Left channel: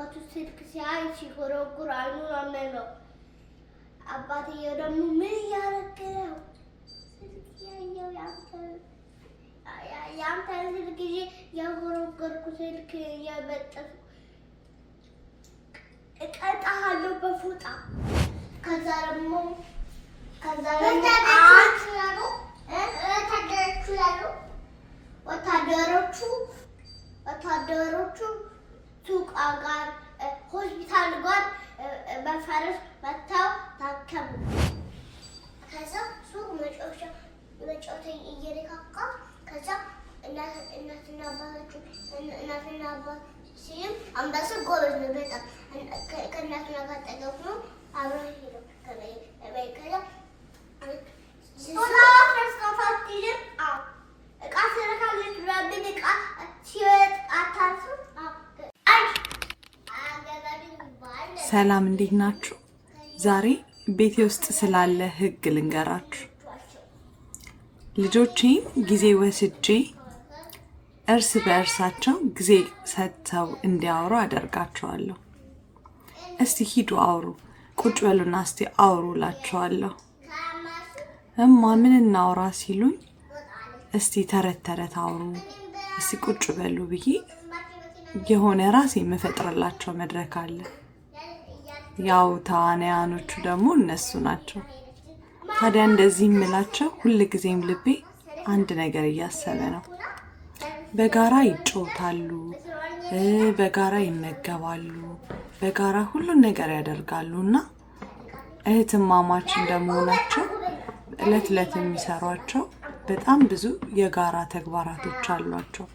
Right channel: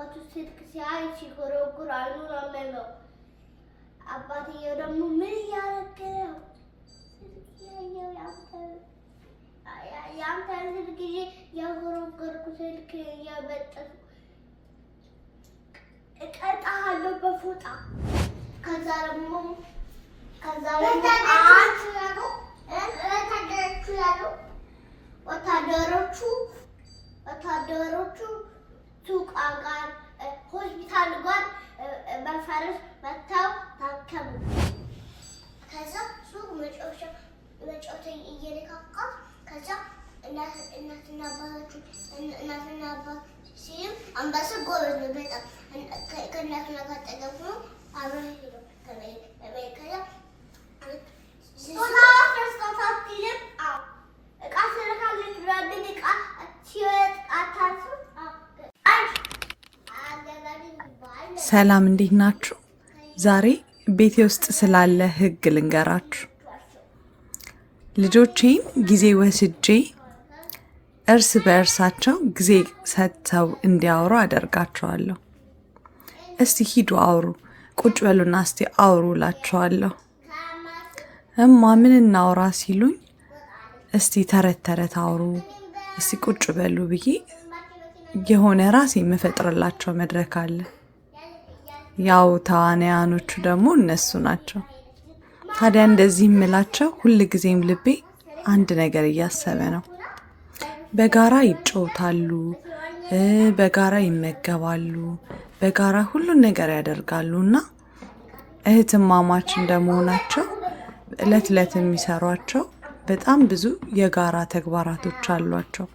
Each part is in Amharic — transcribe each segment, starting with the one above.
አባቱ ስልክ ሲያይ ሲጎረጉር አይኑን አመመው። አባትየው ደግሞ ምን እያደረክ ነው? ስልክ ያየው ያንተ ስልክ ይዤ ያጎረጎርኩ ስልክ እየበጠስኩ እቀጣሃለሁ በፎጣ። ከዛ ደግሞ ወታደሮቹ ሱቅ ጋር ሆስፒታል ጋር በፈረስ መጥተው ታከሙ። ከዛ ሱቅ መጫወቻ እየነካካ ከዛ እናትና አባት ሲም አንበሳ ጎበዝ ነው በጣም ከእናትና ጋር ጠገቡ አብረው ሄደው ከዛ ሰላም እንዴት ናችሁ? ዛሬ ቤቴ ውስጥ ስላለ ህግ ልንገራችሁ። ልጆቼን ጊዜ ወስጄ እርስ በእርሳቸው ጊዜ ሰጥተው እንዲያወሩ አደርጋቸዋለሁ። እስቲ ሂዱ አውሩ፣ ቁጭ በሉና እስቲ አውሩ እላቸዋለሁ። እማ ምን እናውራ ሲሉኝ እስቲ ተረት ተረት አውሩ፣ እስቲ ቁጭ በሉ ብዬ የሆነ ራሴ የምፈጥርላቸው መድረክ አለ። ያው ተዋናያኖቹ ደግሞ እነሱ ናቸው። ታዲያ እንደዚህ የምላቸው ሁልጊዜም ልቤ አንድ ነገር እያሰበ ነው። በጋራ ይጫወታሉ፣ በጋራ ይመገባሉ፣ በጋራ ሁሉን ነገር ያደርጋሉ እና እህትማማች እንደመሆናቸው እለት እለት የሚሰሯቸው በጣም ብዙ የጋራ ተግባራቶች አሏቸው።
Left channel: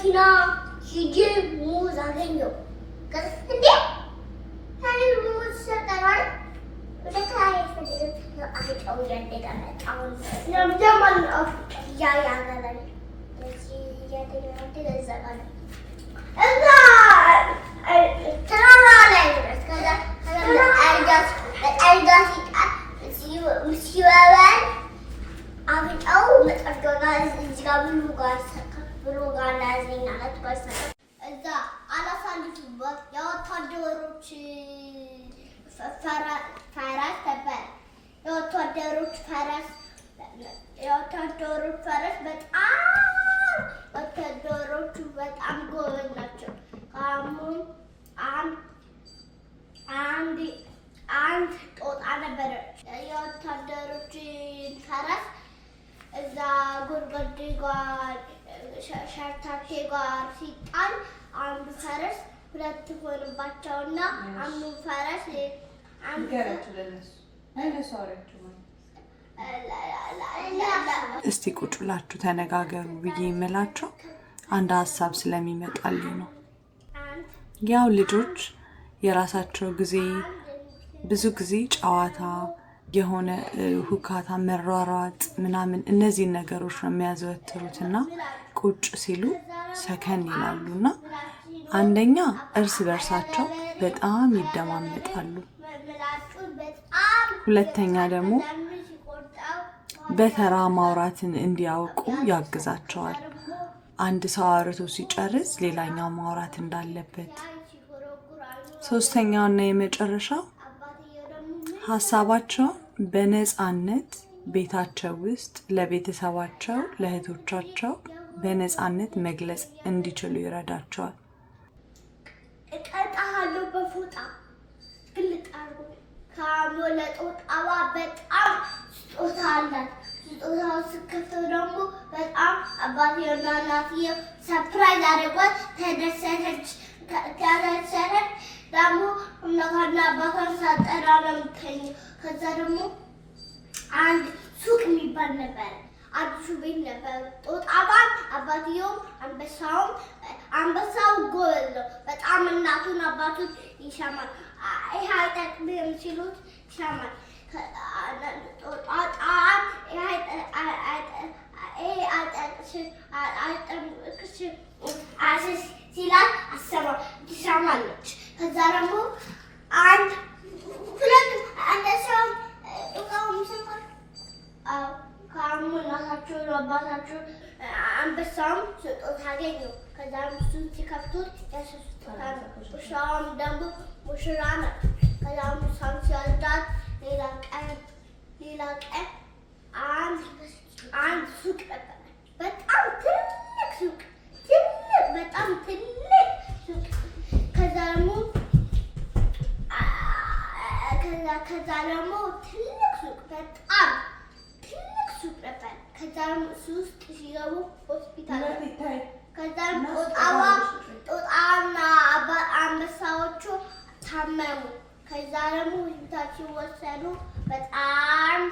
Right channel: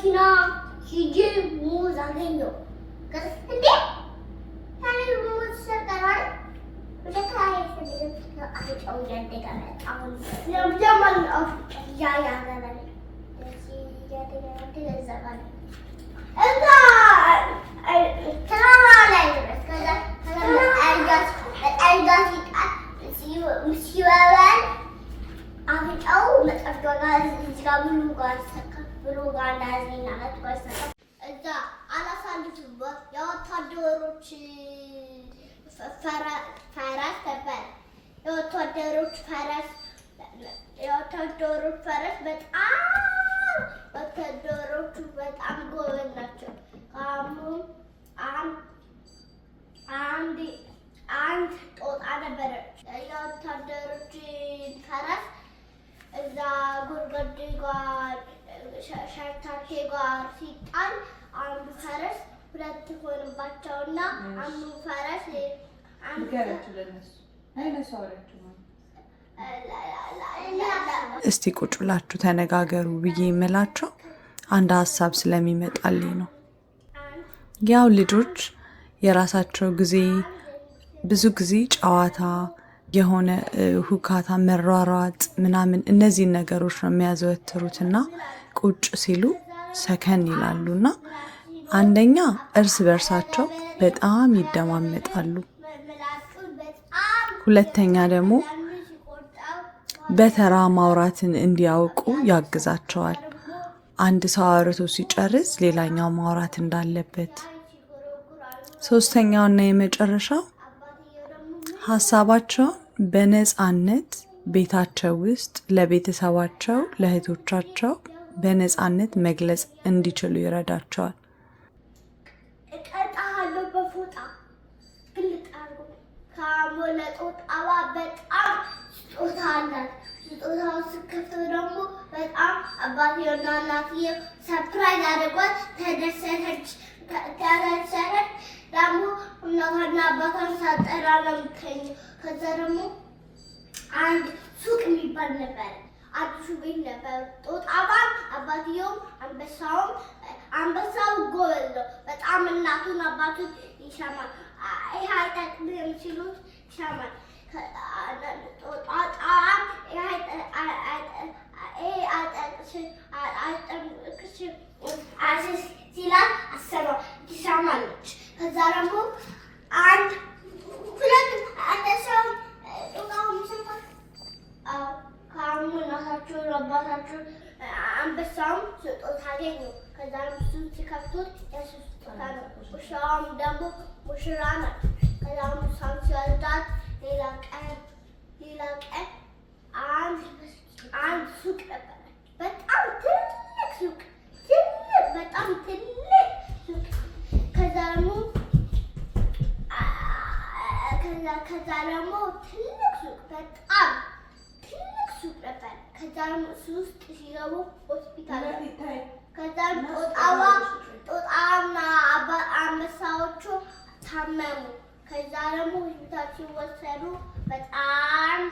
መኪና ሂጂ ሙዝ አገኘው። እንዴ ታኔ ሙዝ ሰጠናል። የወታደሮች ፈረስ በጣም ጎበዝ ናቸው። አንድ ጦጣ ነበረ። የወታደሮች ፈረስ እዛ ጉድጓድ ጋር ሸርታቴ ጋር ሲጣል አንዱ ፈረስ ሁለት ሆነባቸውና አንዱ ፈረስ እስቲ ቁጭ ብላችሁ ተነጋገሩ ብዬ የምላቸው አንድ ሀሳብ ስለሚመጣልኝ ነው። ያው ልጆች የራሳቸው ጊዜ ብዙ ጊዜ ጨዋታ፣ የሆነ ሁካታ፣ መሯሯጥ ምናምን እነዚህን ነገሮች ነው የሚያዘወትሩትና ቁጭ ሲሉ ሰከን ይላሉና አንደኛ እርስ በርሳቸው በጣም ይደማመጣሉ። ሁለተኛ ደግሞ በተራ ማውራትን እንዲያውቁ ያግዛቸዋል። አንድ ሰው አውርቶ ሲጨርስ ሌላኛው ማውራት እንዳለበት። ሶስተኛውና የመጨረሻው ሀሳባቸው በነፃነት ቤታቸው ውስጥ ለቤተሰባቸው ለእህቶቻቸው በነፃነት መግለጽ እንዲችሉ ይረዳቸዋል። እቀጣሃለሁ በፎጣ ግልጥ አድርጎ ካሞለ ጦጣዋ በጣም ስጦታ አላት። ስጦታው ስከፍተው ደግሞ በጣም አባቴና እናትዬ ሰርፕራይዝ አድርጓት ተደሰተች። ደግሞ እናቷና አባቷን ሳጠራ ነው የምትተኛው። ከዛ ደግሞ አንድ ሱቅ የሚባል ነበረ። አዲሱ ቤት ነበር። ጦጣዋም አባትየውም አንበሳው ጎበዝ ነው በጣም እናቱን አባቱን ይሰማል። ይሄ አይጠቅምህም ሲሉት ይሰማል። ጦጣዋም አይጠቅምሽም ሲላት ትሰማለች። ከዛ ደግሞ አንበሳውም ጦጣውም ይሰማል። ካሙ እናታቸው አባታቸው አንበሳውም ስጦታ አገኘው። ከዛ እሱን ሲከፍቱት የእሱ ስጦታ ነው። ውሻዋም ደግሞ ሙሽራ ናት። ከዛ ሙሳም ሲወልዳት ሌላ ቀን አንድ ሱቅ ነበረ። በጣም ትልቅ ሱቅ በጣም ትልቅ ሱቅ። ከዛ ደግሞ ትልቅ ሱቅ በጣም ትልቅ ሱቅ ነበር። ከዛም እሱ ውስጥ ሲገቡ ሆስፒታል። ከዛም ጦጣና አንበሳዎቹ ታመሙ። ከዛ ደግሞ ሆስፒታል ሲወሰዱ በጣም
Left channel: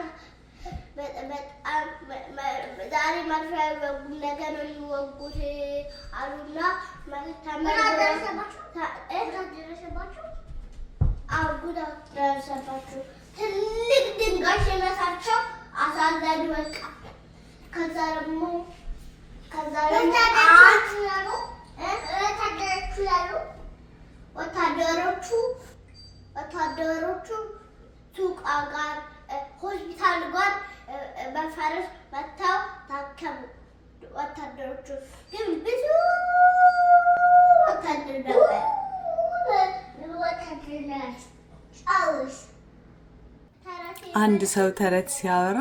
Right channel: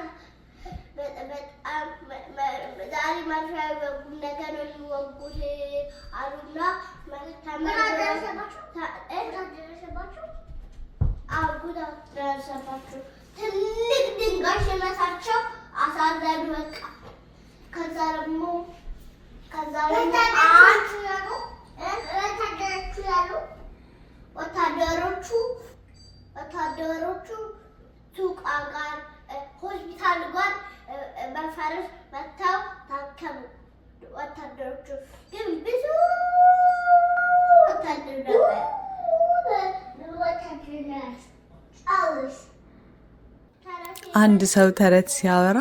ዛሬ መርፌ አይወጉም ነገ ነው የሚወጉት አሉና ጉዳት ደረሰባቸው። ትልቅ ድንጋይ ሲመታቸው አሳዘኑ በቃ። ከዛ ደግሞ ወታደሮቹ ሱቅ ጋር ሆስፒታል ጋር በፈረስ መጥተው ታከሙ። ወታደሮቹ ግን ብዙ ወታደር ነበር። አንድ ሰው ተረት ሲያወራ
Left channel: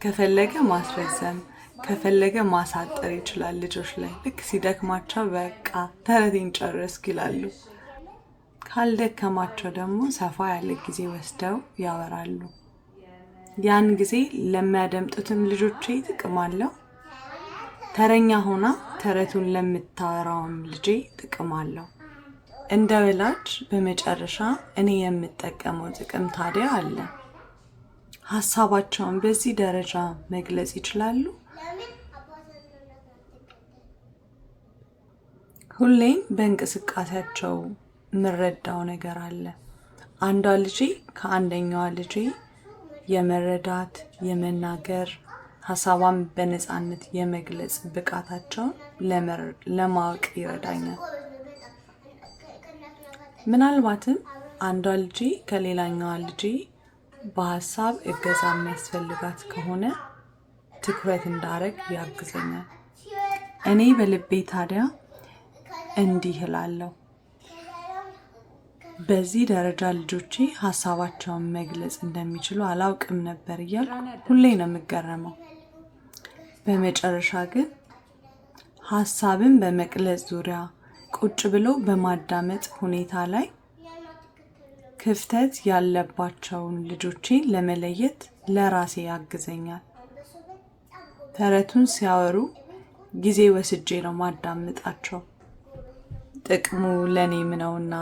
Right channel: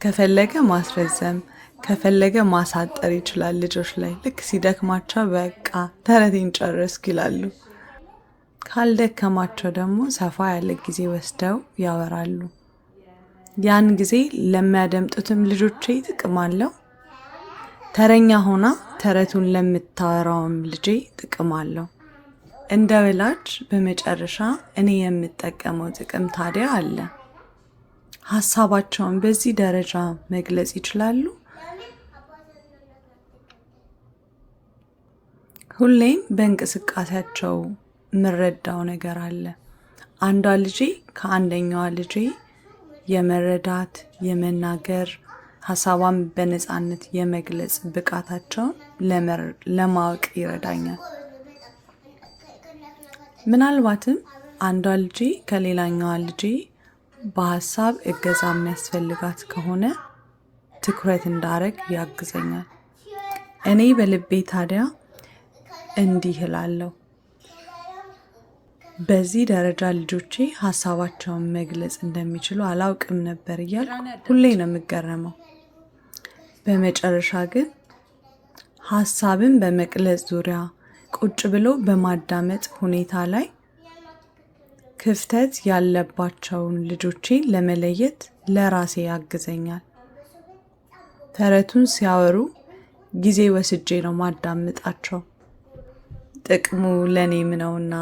ከፈለገ ማስረዘም ከፈለገ ማሳጠር ይችላል። ልጆች ላይ ልክ ሲደክማቸው በቃ ተረቴን ጨረስኩ ይላሉ። ካልደከማቸው ደግሞ ሰፋ ያለ ጊዜ ወስደው ያወራሉ። ያን ጊዜ ለሚያደምጡትም ልጆቼ ጥቅም አለው። ተረኛ ሆና ተረቱን ለምታወራውም ልጄ ጥቅም አለው። እንደ ወላጅ በመጨረሻ እኔ የምጠቀመው ጥቅም ታዲያ አለ። ሀሳባቸውን በዚህ ደረጃ መግለጽ ይችላሉ። ሁሌም በእንቅስቃሴያቸው የምረዳው ነገር አለ። አንዷ ልጄ ከአንደኛዋ ልጄ የመረዳት የመናገር ሀሳቧን በነፃነት የመግለጽ ብቃታቸውን ለማወቅ ይረዳኛል። ምናልባትም አንዷ ልጄ ከሌላኛዋ ልጄ በሀሳብ እገዛ የሚያስፈልጋት ከሆነ ትኩረት እንዳረግ ያግዘኛል። እኔ በልቤ ታዲያ እንዲህ እላለሁ፣ በዚህ ደረጃ ልጆቼ ሀሳባቸውን መግለጽ እንደሚችሉ አላውቅም ነበር እያልኩ ሁሌ ነው የምገረመው። በመጨረሻ ግን ሀሳብን በመግለጽ ዙሪያ ቁጭ ብሎ በማዳመጥ ሁኔታ ላይ ክፍተት ያለባቸውን ልጆቼን ለመለየት ለራሴ ያግዘኛል። ተረቱን ሲያወሩ ጊዜ ወስጄ ነው ማዳምጣቸው። ጥቅሙ ለእኔም ነውና።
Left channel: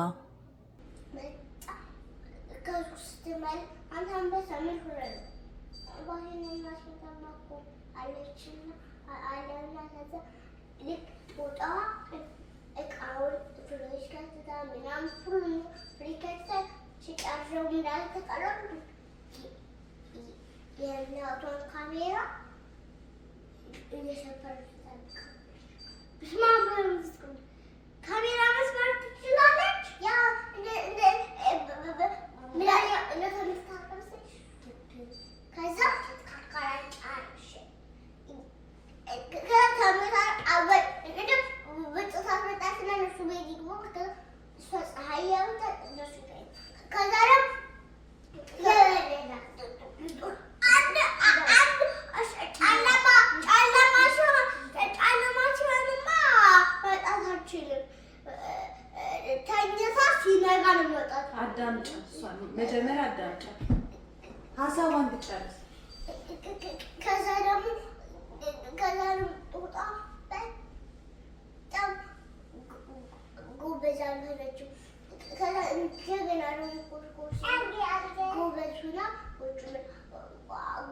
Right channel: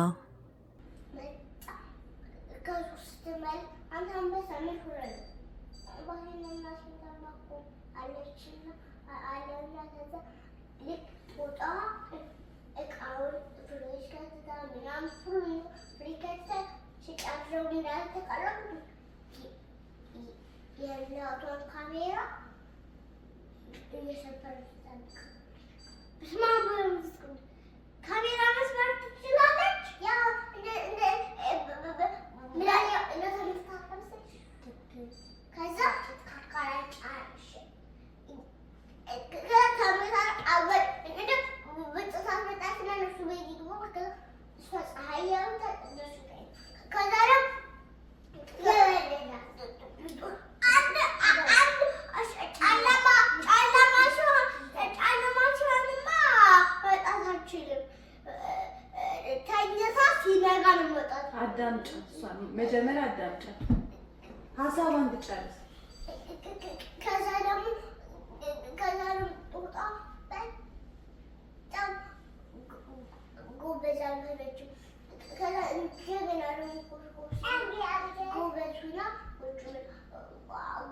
የእናቷን ካሜራ ካሜራ መስራት ትችላለች። ከዛ ተኝታ ሲነጋ ጋር ነው የምወጣት። አዳምጪ፣ እሷን መጀመሪያ አዳምጪ፣ ሀሳቧን ትጨርስ። ከዛ ደግሞ ጦጣ በጣም ጎበዝ አልሆነችም። ከዛ እንደገና ደግሞ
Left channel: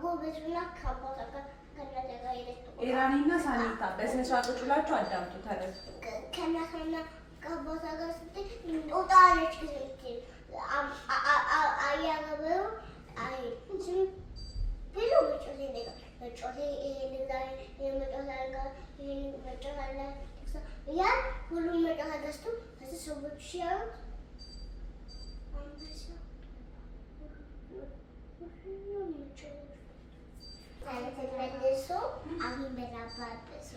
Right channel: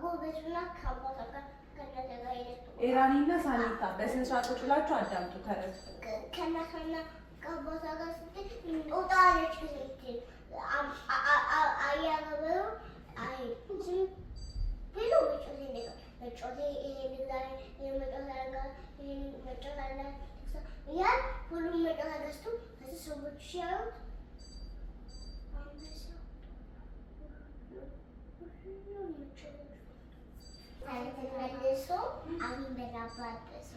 ጎበዝ ሁና ከአባቷ ጋር ከእናቷ ጋር ሄደች። ኤራኒና ሳኒታ በስነ ስርዓት ቁጭ ብላችሁ አዳምጡ። ተረት ከእናቷና ከአባቷ ጋር ስትል ጦጣ ነች ስትል አያገበው ብሎ መጮቴ ያን ሁሉም መጮታ ገዝቶ ከዚህ ሰዎች ሲያዩት ተመልሶ አሁን በላባበሱ